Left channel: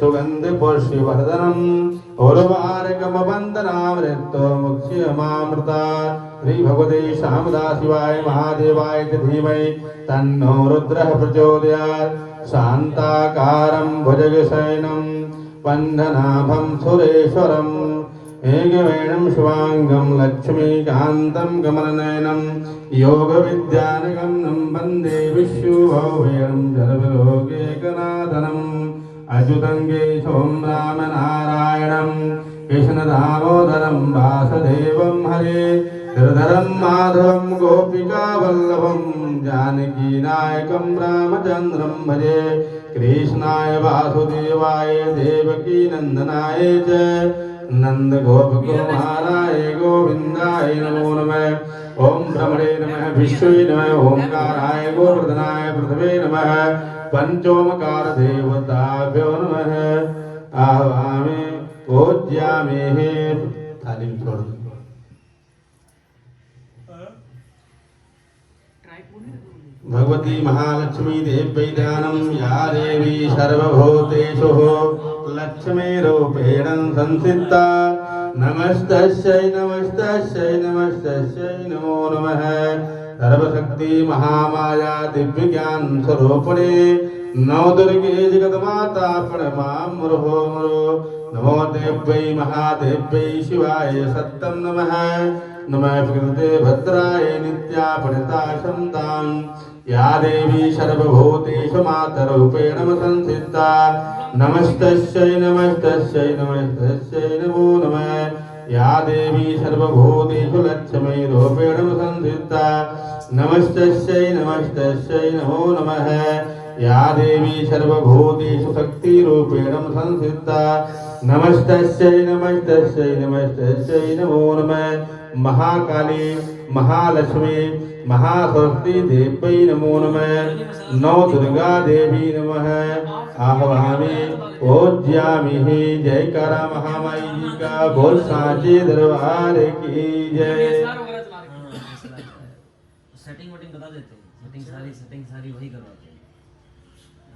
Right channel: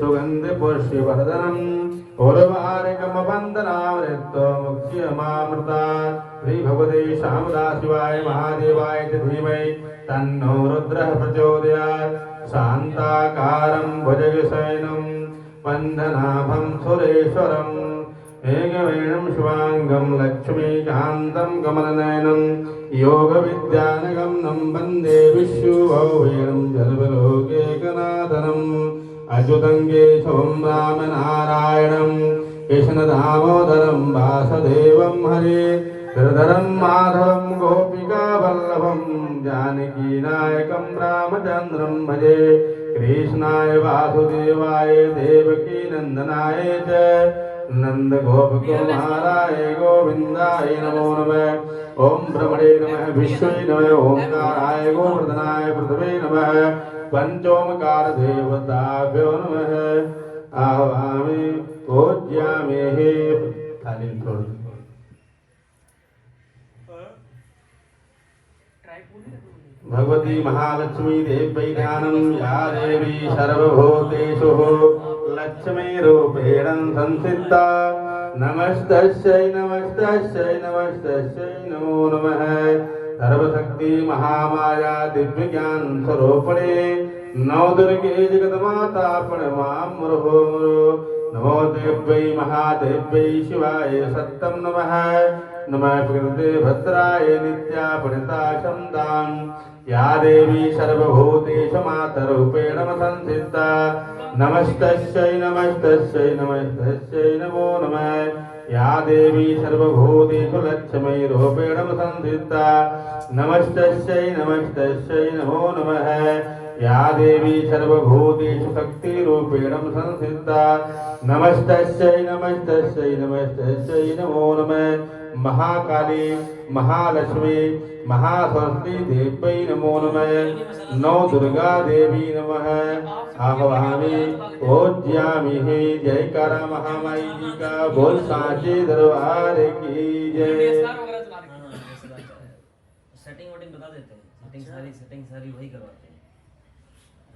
सुगंधि पुष्टिवर्धनम् उर्वारुकमवन्दनामृतो मुक्ष्यमामृता श्री भगवते शामदा शिवाय महादेवाय च धीमहि तन्नो रुद्रः प्रचोदयात् शान्ताकारं भुजगशयनं वन्दनाभं सुरेश्वरम् एकवेणं शिवाङ्गं लक्ष्मीकान्तं कमलनयनं योगविद्यानगमनं वन्दे विश्वभौवेणं सर्वलोकैकनाथनम् अच्युतं केशवं रामनारायणं कृष्णदामोदरं वासुदेवं हरे श्रीधरं माधवं गोपिकावल्लभं जानकीनायकं रामचन्द्रं भजे कृष्णाय वासुदेवाय देवकीनन्दनाय च नन्दगोपकुमाराय गोविन्दाय नमो नमः। ॐ ब्रह्मणे नमः विष्णुवे नमः ओंकाराय गोवर्धनाय पृथ्वे नमः पंचोमकार देवताभ्यो नमः। आवाहयामि पूज्यामि थाली छोड़ दो। भगवती महालक्ष्मी देव्यै ध्यानं या देवी सर्वभूतेषु लक्ष्मीरूपेण संस्थिता नमस्तस्यै नमस्तस्यै नमस्तस्यै नमो नमः। सर्वशक्ति महामाया दिव्यज्ञान स्वरूपिणे नवदुर्गे जगन्माता प्रणमां मुहुः नमो देव्यै महादेव्यै शिवाय सत्तं नमः। नमः प्रकृते भद्राय नित्यापरिताशं या देवी सर्वभूतेषु मातरूपेण संस्थिता नमस्तस्यै नमस्तस्यै नमस्तस्यै नमो नमः। या देवी सर्वभूतेषु लक्ष्मीरूपेण संस्थिता नमस्तस्यै नमस्तस्यै नमो नमः। या देवी सर्वभूतेषु शक्तिरूपेण संस्थिता नमस्तस्यै नमस्तस्यै नमस्तस्यै नमो नमः। महाकाली महालक्ष्मी महासरस्वती देव्यै नमो नमः। नौ दुर्गा देवी नमः। आवाहयामि पूज्यामि जयकारा महामाई जी का बोल साचे दरबार की जय। सेटिंग वोटिंग बता देते हैं, सेटिंग सारी वही करवाते हैं,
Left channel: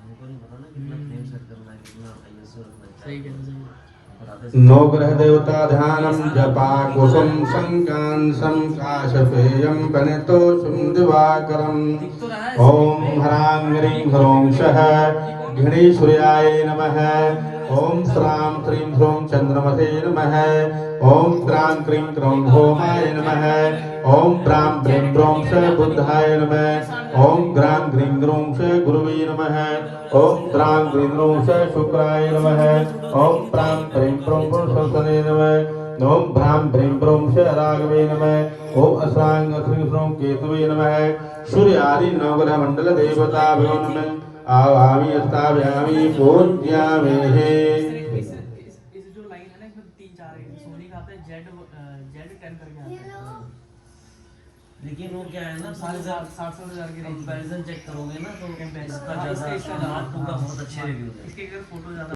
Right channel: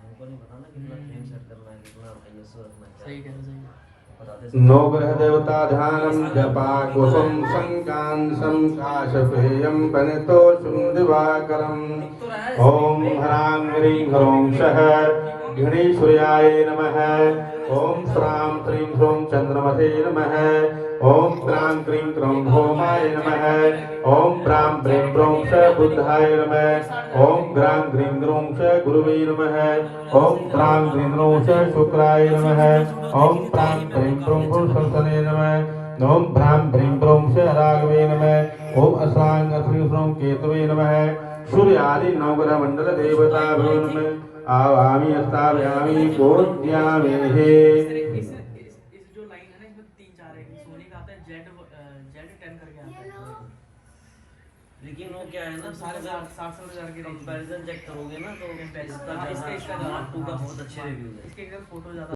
हमको नहीं बताना कितना फ्रेम सेट करना है, कितना आईएसओ रखना है। सही कह रहे हैं। नौ ग्रह देवता ध्यानं जपा कुसुम संकांसं काशपेयं प्रणतोषं दिवाकरम् ओम ह्रां ह्रीं ह्रौं सः गणेश्वर्याय नमः। ओम श्रां श्रीं ह्रौं चंद्रमसे नमः। ओम क्रां क्रीं क्रौं भौमाय नमः। ओम प्रां प्रीं प्रौं स बुद्धाय नमः। ओम ग्रां ग्रीं ग्रौं स गुरुवे नमः। ओम ग्रां ग्रीं ग्रौं स शुक्राय नमः। ओम प्रां प्रीं प्रौं पुरुषोत्तमे नमः। ओम भ्रां भ्रीं प्रौं स राघवे नमः। ओम अश्रां श्रीं ह्रौं केतवे नमः। सूर्यादि नवग्रह मंडल देवताभ्यो नमः। आवाहयामि स्थापयामि पूज्यामि। इस जो लाइन है ना इसमें 3 4 है सोनी का आता है Z 10 करके आता है। लेकिन वो क्या है ना 60 के कंपैरिजन चेक करोगे ना तो कंपैरिजन इसका मार्क 2 का बहुत अच्छे रिव्यूज है। इसके अगर फोटो ज्यादा